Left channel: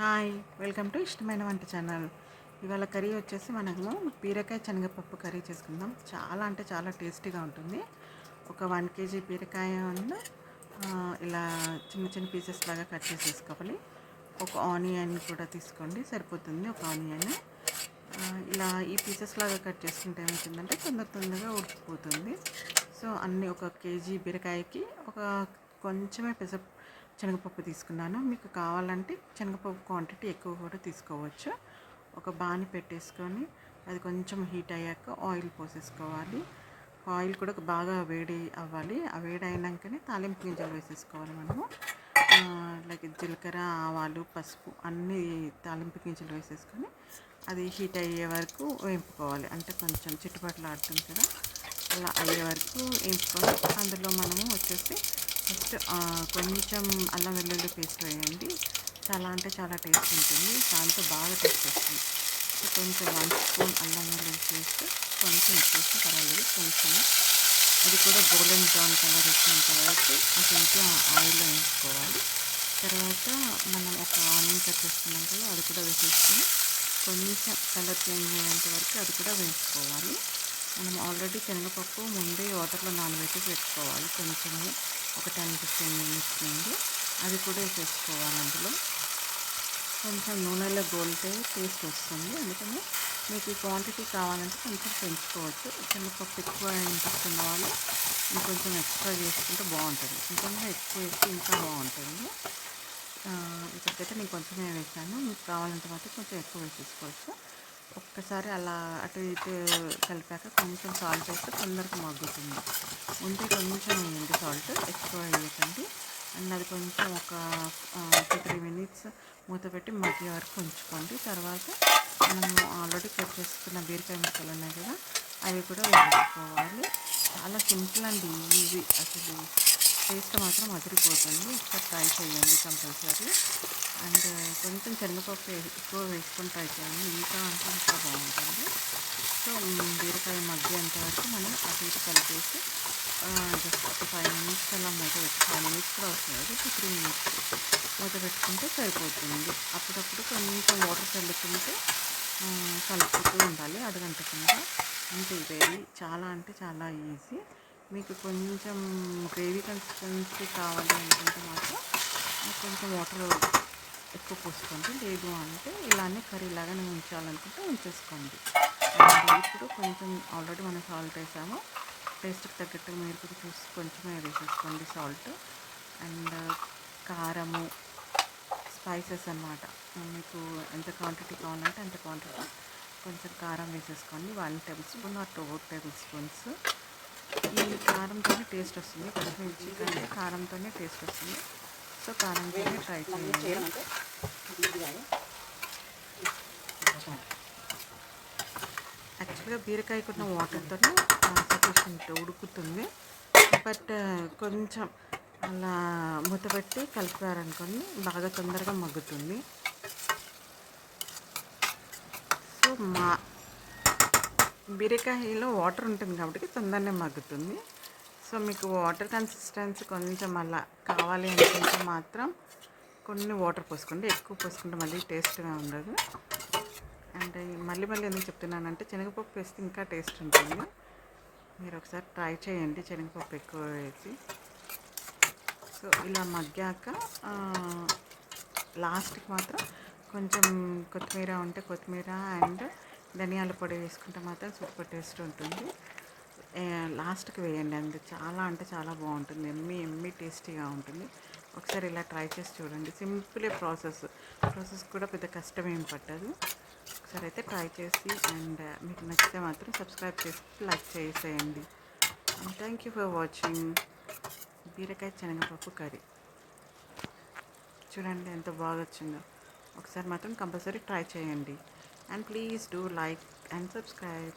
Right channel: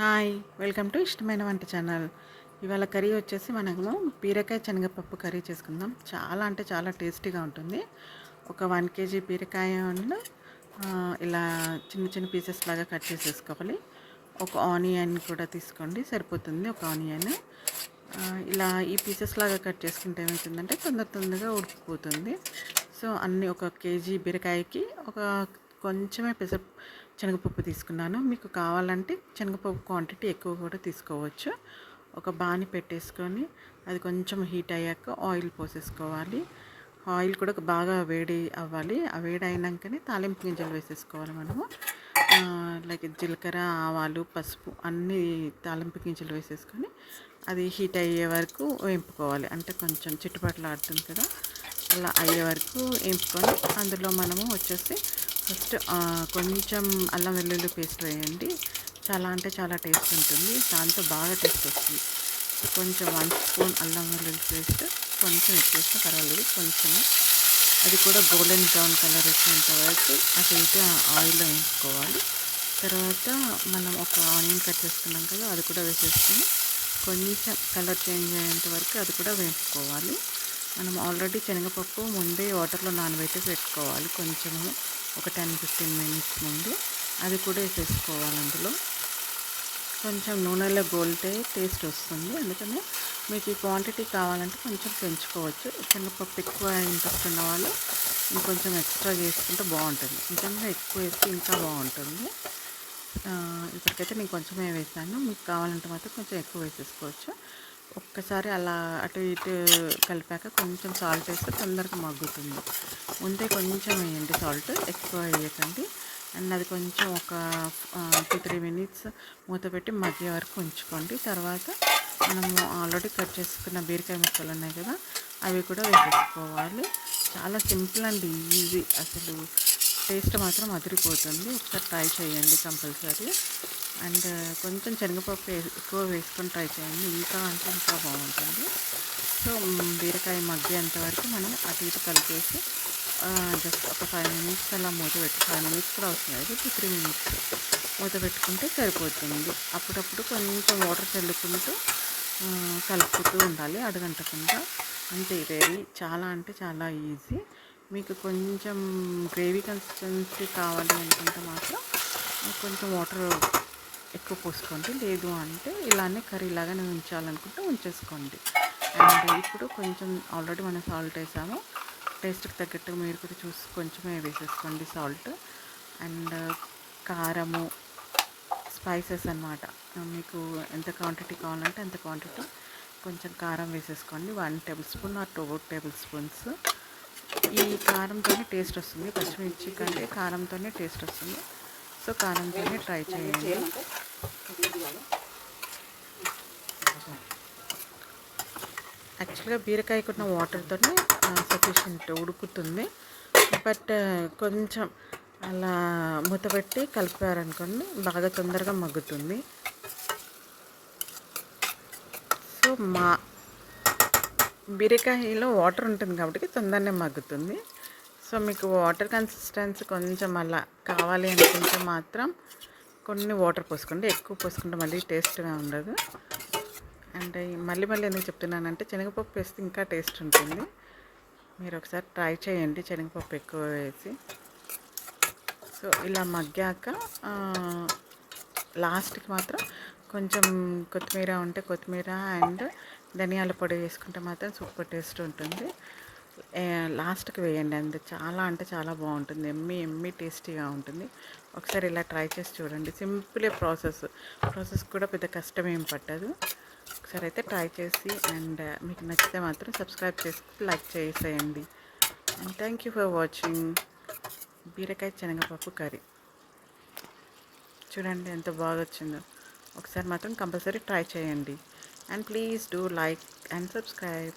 Hi, welcome to ఇష్టమైన వంట channel. ఇవాళ కర్రీ వచ్చేసి మనము బీరకాయ శనగపప్పు కర్రీ చేసుకుందాం. చాలా అంటే చాలా టేస్టీగా ఉంటుంది. ఒక 1 కేజీ బీరకాయను ఇలా చిన్న చిన్న పీసెస్ లాగా కట్ చేసేసుకోవాలి. ఒక ఆనియన్ కూడా తీసుకోండి, సరిపోతుంది ఒక ఆనియన్. ఇలా ఈ పీసెస్ లాగా కట్ చేసుకుంటే ఏమవుతుందంటే తొందరగా ఉడికిపోతుంది. సో అన్నీ ఒక కేజీ బీరకాయకి ఒక కొంచెమే శనగపప్పు తీసుకున్నాను. మీకు కావాలంటే శనగపప్పు క్వాంటిటీ ఎక్కువ కూడా తీసుకోవచ్చు. ఒక బాణీ పెట్టేసుకొని అది కొంచెం హీట్ అయ్యాక ఆయిల్ పోసేసుకోవాలి. ఆయిల్ కూడా బాగా వేడి అవ్వాలి. ఆ వేడి అయినాకనే తాలింపు గింజలు వేసేసుకోవాలి మనము. లైక్ జీలకర్ర, ఆవాలు, పసుపు అన్నీ తాలింపు గింజలు వేసేసుకొని అది హీట్ అయ్యే వరకు వేపుకోవాలి. అంటే కొంచెం చిట్టుపట్లు ఆడుతుంది కదా, అలా అయ్యే వరకు వేపుకొని అందులో మనము వచ్చేసి ఫస్ట్ కొంచెం అల్లం వెల్లుల్లి పేస్ట్ వేయండి. చాలా అంటే చాలా టేస్ట్ ఉంటుంది, దాంతో బాగా టేస్ట్ వస్తుంది. కొంచెం 1 స్పూన్ అల్లం వెల్లుల్లి పేస్ట్, కొంచెం ఎక్కువ పర్వాలేదు, కొంచెం అది కూడా గోల్డెన్ బ్రౌన్ కలర్ వచ్చేంత వరకు అటు ఇటు ఆయిల్లో వేయించుకోవాలి. తర్వాత మనం ఒక ఆనియన్ కట్ చేసుకున్నాం కదా, అది కూడా వేసేసుకొని కొంచెం కలర్ చేంజ్ అయ్యేంత వరకు అది కూడా వేయించుకోవాలి. మనం ఆల్రెడీ శనగపప్పు ముందే వాటర్లో నానబెట్టి పెట్టుకోవాలి, కొంచెము ఒక 10-15 మినిట్స్ ముందు. అది కూడా వేసేసుకోవాలి. అందులో కొంచెం నూనెలో గోలితే టేస్ట్ వస్తుంది, అందుకని మీకు ఈ క్వాంటిటీ కావాలంటే కొంచెం పెంచుకోవచ్చు. శనగపప్పు ఎక్కువ ఇంట్రెస్ట్ ఉన్న వాళ్ళు ఇంకొంచెం ఎక్స్ట్రా చేసుకుంటే బాగుంటుంది, ఇంకొంచెం ఎక్కువ వేస్తే ఇంకా బాగుంటుంది. ఇక్కడికైతే నేను కొంచెమే వేసాను, మీకు కావాలంటే మాత్రం కొంచెం ఎక్కువ వేసేసుకోవచ్చు. ఒక్కసారి అలా అటు ఇటు కలిపాక కొంచెం సాల్ట్ వేస్తే తొందరగా మగ్గుతుంది. ముందే కొంచెం వేయండి సాల్ట్, ఎక్కువ వేయకండి. అండ్ అది కొంచెం ఒక 2-3 మినిట్స్ మూత పెట్టి మగ్గే వరకు ఉంచుకోండి. తర్వాత మనము ఆల్రెడీ కట్ చేసుకున్న బీరకాయ ముక్కలు ఉన్నాయి కదా, అవి కూడా వేసేసుకోవాలి. చాలా సింపుల్ అండ్ ఈజీ, అసలు టేస్ట్ మాత్రం అదిరిపోతుంది. ఒకసారి ట్రై చేయండి కంపల్సరీ. అండ్ కొంచెం శనగపప్పు ఎక్కువ వేసుకొని ట్రై చేయండి, ఇంకా అంటే ఇంకా బాగుంటుంది. సో బీరకాయ మగ్గేంత వరకు మనం అటు ఇటు కలిపేసి జస్ట్ ఒక 5 మినిట్స్ అలా మూత పెట్టి, 5 మినిట్స్ కూడా అవసరం లేదు, 2-3 మినిట్స్ మూత పెట్టుకుంటే సరిపోతుంది. అప్పుడప్పుడు కొంచెం వాటర్ చల్లుకుంటూ కలుపుతూ ఉండాలి అడుగంటకుండా. అంతే, రెడీ. చాలా అంటే చాలా ఈజీ. మీకు కొంచెం గ్రేవీ కన్సిస్టెన్సీ కావాలి అనుకుంటే మాత్రం కొంచెం వాటర్ ఎక్కువ పోసుకోండి, లేదు అంటే ఇలానే కర్రీ లాగానే ఉంచాలనుకుంటే ఉంచేసుకోండి. అండ్ ఇప్పుడు కొంచెం ఆల్రెడీ మనం సాల్ట్ వేసాము, టేస్ట్కి తగ్గట్టు మీరు కూడా చూసి కొంచెమే వేసేసుకోండి సాల్ట్. అండ్ కారము, స్పైసెస్ అన్నమాట, మీకు ఎంత క్వాంటిటీ కావాలంటే అంత క్వాంటిటీ కొంచెం కారం వేసేసుకోండి. 1 table spoon or 2 table spoons. ఈ కారంతోనే టేస్ట్ వస్తుంది, పచ్చిమిర్చి కంటే కారంతోనే టేస్ట్ వస్తుంది. సో కారంతోనే ట్రై చేయండి. యాక్చువల్గా బీరకాయకున్న వాటర్తోనే సఫిషియంట్ ఉడుకుతుంది. బట్ కొంచెం అలా మూతపెట్టి కలిపారనుకోండి బాగా తొందరగా మగ్గుతుంది. సో బీరకాయలో వాటర్ ఉంటుంది కాబట్టి తొందరనే మగ్గుతుంది. సో మీకు వాటర్ కన్సిస్టెన్సీ కొంచెం అలా కావాలి అనుకుంటే మాత్రం కొన్ని వాటర్ పోసుకోండి, ఎక్కువ పోసుకుంటే మళ్ళీ టేస్ట్గా ఉండదు. అండ్ మళ్ళీ ఎందుకు చెప్తున్నానంటే శనగపప్పు వేస్తే ఇంకా టేస్ట్ ఉంటుంది. మీరు ఒకసారి ట్రై చేయండి శనగపప్పు ఎక్కువ వేసి. సో ఇలా మగ్గాక లాస్ట్కి మాత్రం కొంచెం కొత్తిమీర ఉంటే కొత్తిమీర అండ్ ధనియాల పొడి వేసుకుంటే మాత్రం సూపర్ టేస్ట్ ఉంటుంది. లాస్ట్కి వేయండి, అండ్ చాలా అంటే చాలా బాగుంటుంది, ఎమ్మి టేస్టీగా ఉంటుంది. ఒకసారి ఇలా ట్రై చేసి చూడండి. సింపుల్ ప్రాసెస్ కూడా పెద్ద కష్టం ఏం పట్టదు. ఒకసారి అయితే ట్రై చేసి అండ్ మీకు నచ్చితే మాత్రం సబ్స్క్రైబ్ చేసి లైక్ చేసేయండి. And thank you for watching బీరకాయ శనగపప్పు కర్రీ. చూడండి ఎంత బాగా వచ్చిందో. ఒకసారి మాత్రం కంపల్సరీ ట్రై చేయండి. And please do like and subscribe.